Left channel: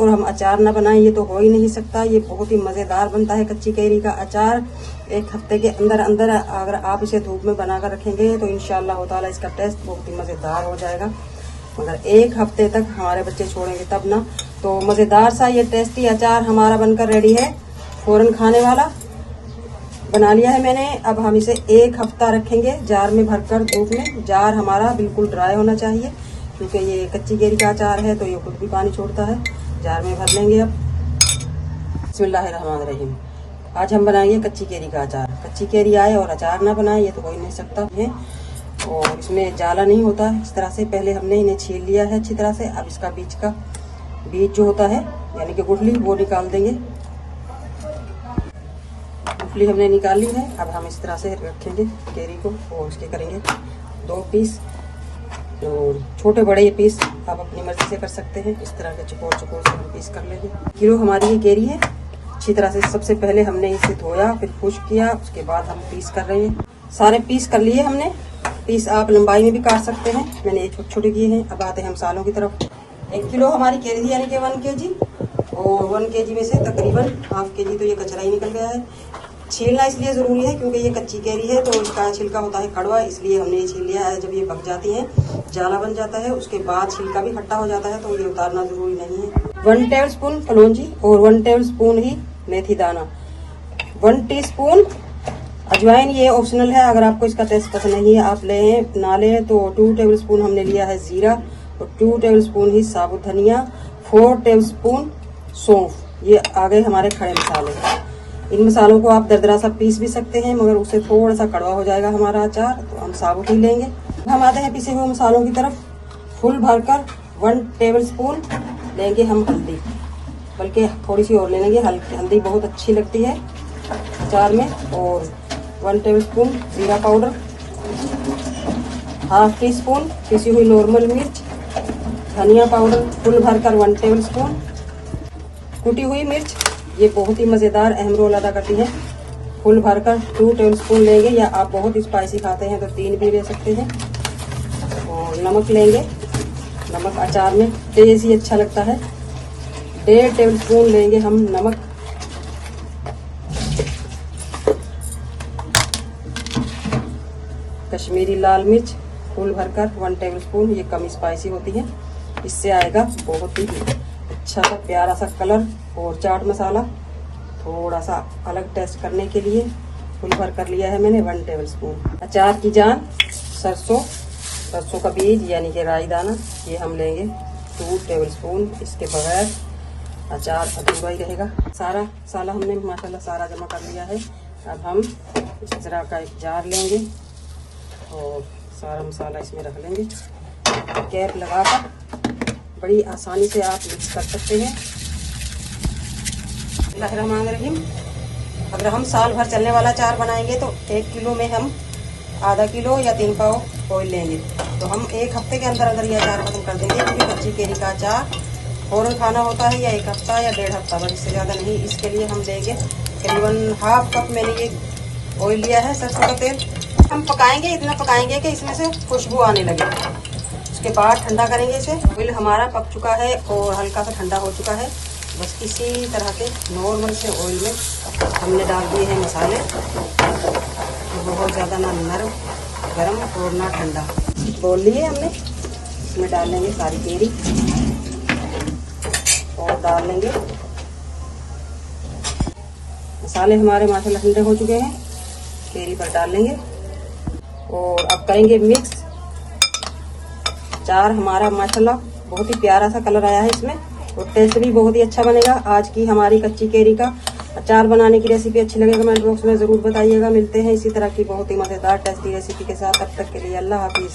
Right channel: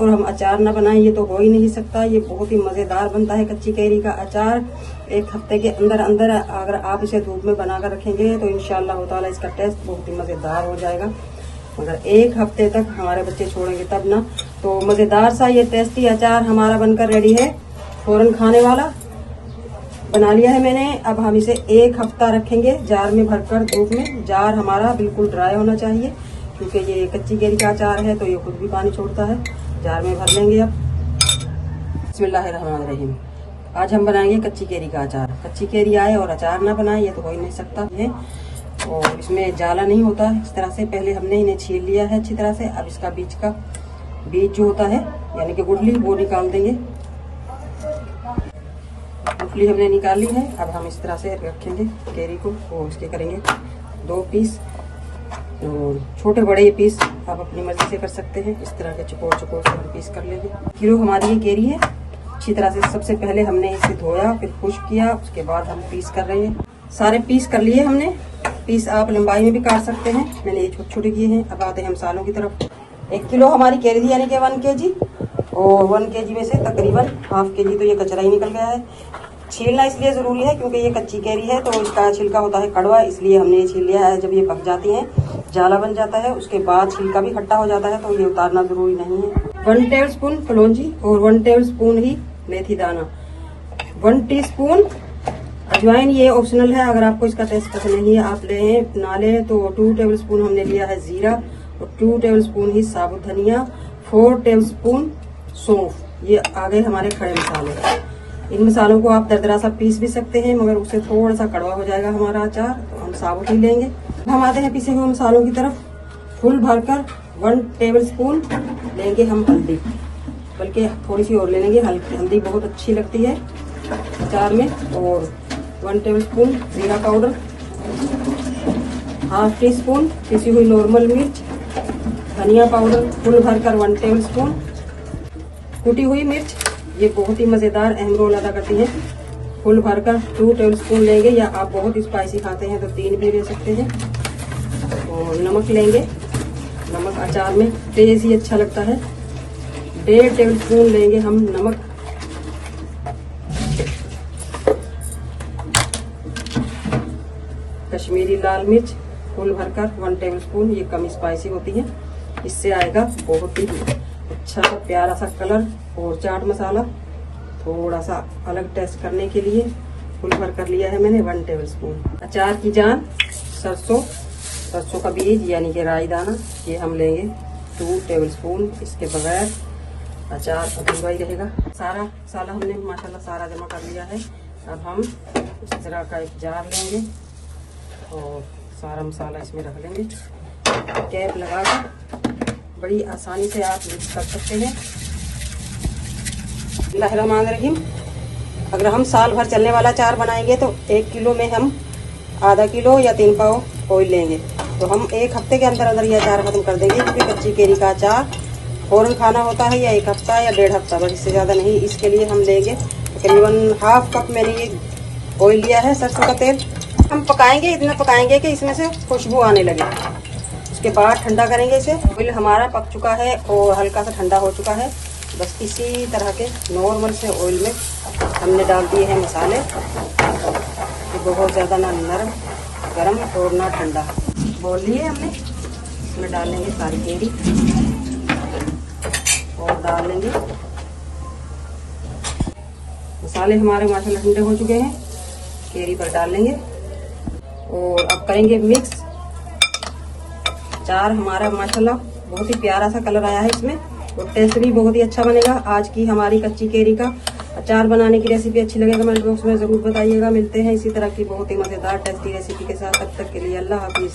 और हम अचार ना बनाएं ये तो हो ही नहीं सकता। ये बहुत ही मजेदार बनता है कच्ची कैरी का अचार। 1 हफ्ते के अंदर अंदर अगर आप इसे धूप में बना कर रखेंगे तो इंशाअल्लाह ताला इसका टेस्ट बहुत ही मजेदार हो जाएगा। मगर 1 हफ्ते तक हमारे बच्चे छोड़ेंगे तब ना। तो मजेदार सा ये टेस्टी अचार हमारा बनकर रेडी है, फौरन खाने वाला बना लिया है मैंने। अब हम इसे 1 हफ्ता रखेंगे जार में भरकर धूप में। जार हमारा बिल्कुल ड्राई होना चाहिए क्योंकि ये कच्ची कैरी का अचार है तो ये खुद भी पानी छोड़ता है। जार में भर लेंगे। अब बिस्मिल्लाहिर्रहमानिर्रहीम। आज हम बनाएंगे कच्ची कैरी का अचार। कच्ची कैरी आए और अचार ना बनाए ये तो हो ही नहीं सकता है। और इसमें जाला नहीं होता है। इस तरह से पहले हमने इन्हें छील लिया है अच्छी तरह से। अब इसका बीज जो होता है यानी कि गुठली वो निकाल देंगे। गुठली हमने निकाल ली है। अब हम इस तरह से रखेंगे कैरी को और इसके करेंगे 2 पीस। और छोटे बड़े पीस आप अपनी मर्जी से कर सकते हैं। इस तरह के चकोर से पीस कर लेंगे। किलो हमारी ये कैरी है। अच्छी तरह से सबसे पहले हमने इसे धोया, फिर खुश्क किया, उसके बाद हम पीस कर रहे हैं। सारे पीस कर लिए हमने। पीस आप लंबाई में भी काट सकते हैं, मैंने ये छोटे छोटे किए हैं। अब आते हैं मसालों की तरफ। 1 किलो हमारी कैरी यानी कि 1 kg और 1 kg में से तकरीबन ½ kg तो ये कचरा ही निकल गया है। छीलना इसलिए जरूरी है क्योंकि ये कच्ची कैरी है तो इसका छिलका होता है कड़वा, इसलिए हमने ये छील लिया है। जब ये पक जाती है जाला बन जाता है, उसके बाद छिलका भी खट्टा हो जाता है तो ये उतारना जरूरी नहीं है। 1 टेबलस्पून कलौंजी और 1 टेबलस्पून ही मेथी दाना, 1 टीस्पून अजवाइन, ये ऑप्शनल है। अगर आपको इसका टेस्ट पसंद नहीं है आप लें ना लें। तो 2 टेबलस्पून हमने लिया है जीरा और 2 टेबलस्पून ही साबुत धनिया, 4 टेबलस्पून सौंफ। ये आ गए हमारे खड़े मसाले। इन मसालों को आप दरदरा सा पीस भी सकते हैं मगर उससे थोड़ा सा कड़वा हो जाएगा हमारा अचार, तो हम साबुत ही लेंगे। हम आते हैं पिसे हुए मसालों की तरफ। फुल भरकर 1 टेबलस्पून लेंगे हम हल्दी, बल्कि थोड़ी सी और ले लेंगे। हल्दी बहुत अच्छी लगती है अचार में। और 1 टेबलस्पून जीरा पाउडर, ½ टीस्पून पिसी हुई नॉर्मल मिर्च, धनिया पाउडर फुल भरकर 1 टेबलस्पून, कुटी हुई मिर्च ये बहुत ही मजेदार अहम रोल अदा करती है। फुल भरकर 2 टेबलस्पून लेंगे, या आप बहुत स्पाइसी खाते हैं तो 3 भी ले सकते हैं। और नमक लेंगे। नमक अचार में तेज ही अच्छा लगता है। 1.5 टेबलस्पून लेंगे हम नमक। कश्मीरी लाल मिर्च फुल भरकर 1 टेबलस्पून, ये कम स्पाइसी होती है, इससे आएगा बहुत ही अच्छा सा प्यारा सा कलर। और चाट मसाला थोड़ा सा अलग टेस्ट करने के लिए फुल भर कर लिया है मैंने 1 टेबलस्पून। अचार की जान सरसों का बीज यानी कि राई दाना, ये हम लेंगे 2 टेबलस्पून। इसके बगैर अचार अधूरा ही रहेगा। सारा मसाला हमने माशाल्लाह सारा जमा कर लिया है। अब हम इस तरह का एक जार लेंगे और सारा मसाला इसमें रख लेंगे। कैप लगाकर बड़ी आसानी से आप मिक्स कर सकते हैं। बिस्मिल्लाहिर्रहमानिर्रहीम। अगर हम साल भर चलने वाला अचार बनाएंगे तो 1 किलो में हम आधा किलो या 3 पाव ऑयल लेंगे। तो हम 1 हफ्ते के अंदर अंदर ये अचार खत्म कर देंगे क्योंकि कच्ची कैरी का अचार फौरन खाना होता है, या 1 हफ्ता या 1.5 हफ्ता, बस इससे ज्यादा नहीं। इसके लिए हम लेंगे तकरीबन ½ कप मैंने ये ऑयल लिया है सरसों का तेल। हम पकाएंगे, इतना पकाएंगे कि इसमें से खुशबू आने लगे। उसके बाद ठंडा करेंगे इसे। ऑयल हमारा पक चुका है और हल्का सा ठंडा हो चुका है। बस इसी तरह के नॉर्मल से ऑयल में हमने डाल दिए हैं मसाले। बहुत ज़्यादा ना नरम गरम और ना ठंडा। बोल लिए हमने, इसमें डाल लेंगे सारी कैरी और डाल देंगे। मसाले हमारे माशाल्लाह ठंडे हो चुके हैं, कैरी पर डाल लेंगे और अब करेंगे मिक्स। अचार हमारा माशाल्लाह बहुत ही प्यारा सा कलर आया है इसमें और टेस्ट भी बहुत ही अच्छा बनेगा। आज की हमारी कच्ची कैरी का अचार बनाने की रेसिपी अच्छी लगे कमेंट बॉक्स में जरूर बताइएगा। मिलते हैं इसी तरह की बहुत ही मजेदार टेस्टी रेसिपी के साथ। तब तक के लिए अल्लाह हाफिज।